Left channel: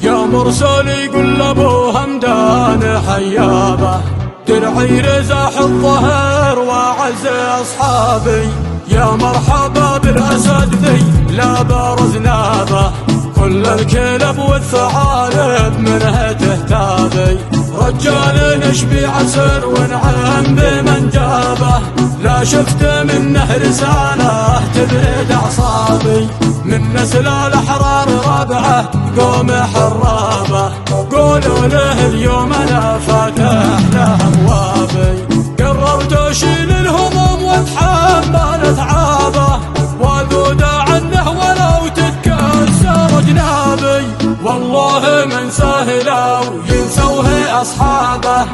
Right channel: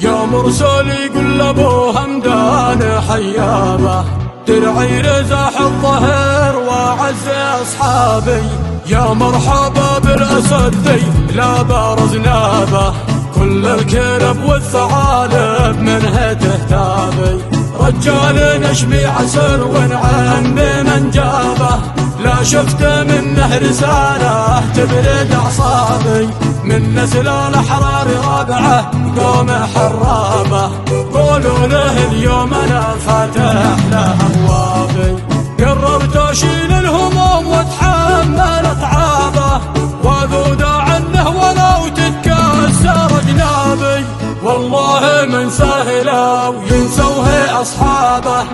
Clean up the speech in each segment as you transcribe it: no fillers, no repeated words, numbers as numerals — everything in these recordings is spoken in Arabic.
يا مرسل يقول لابو همدان حيابه، درعي رزاح الظهر واعز اصحابي. يا مرحبا بالاسد ذي لا بارز نابه، كل الكلب والثعالب منها تهتابي. رجال نشبي عسر ونعم بمن جابه، لا شفت منه رسالة تبرد أعصابي. من نسل الأحرار رابعة قوم حرابة، قولوا له اليوم أنا فاتح له أبوابي. قربت أشيل الهموم وأتحمل أتعابه، وأذود عنه ولو تتكسر جنابي. والله من ساهله وينسوه أصحابه،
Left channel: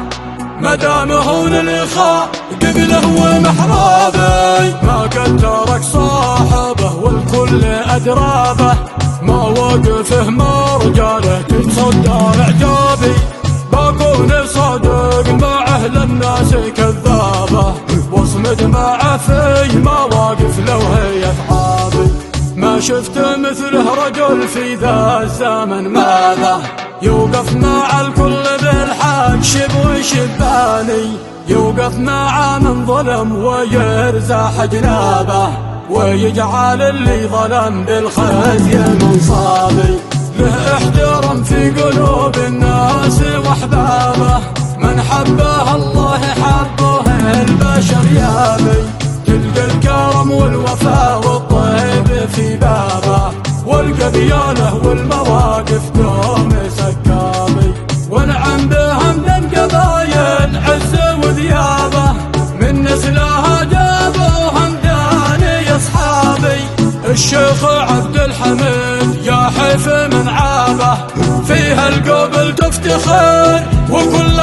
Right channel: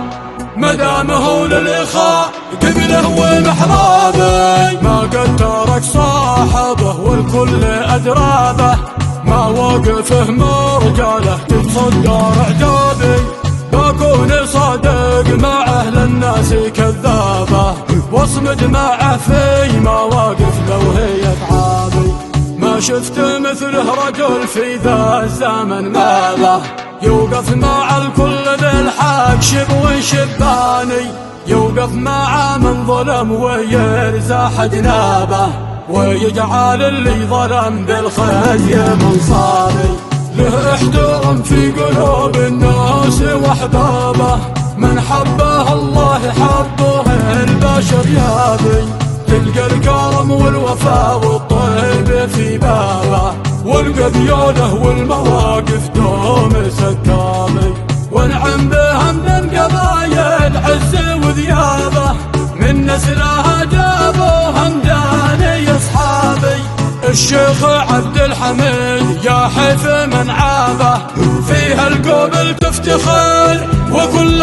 مدامه للإخاء قبله ومحرابي. ما قد ترك صاحبه والكل أدرابه، ما وقفه مرجاله تتصدر عتابي. بكون صادق مع أهل الناس الكذابة، واصمد معه في مواقف لو هي أصحابي. ما شفت مثله رجل في ذا الزمن ماله، يوقف مع الكل بالحق شب وشباني. يوقف مع من ظلم ويرزاح جنابه، ويجعل اللي ظلم بالخزي منصابي. له احترام في قلوب الناس واحبابه، من حبه الله حبه البشر يابي. تلقى الكرم والوفاء والطيب في بابه، والقبيله والمواقف دوم سكابي. ونعم بهمدان قبايل عز وذيابه، من نسلها جابوا همداني اصحابي. الشيخ عبد الحميد يا حيف من عابه، فيها القبل تفتخر وكل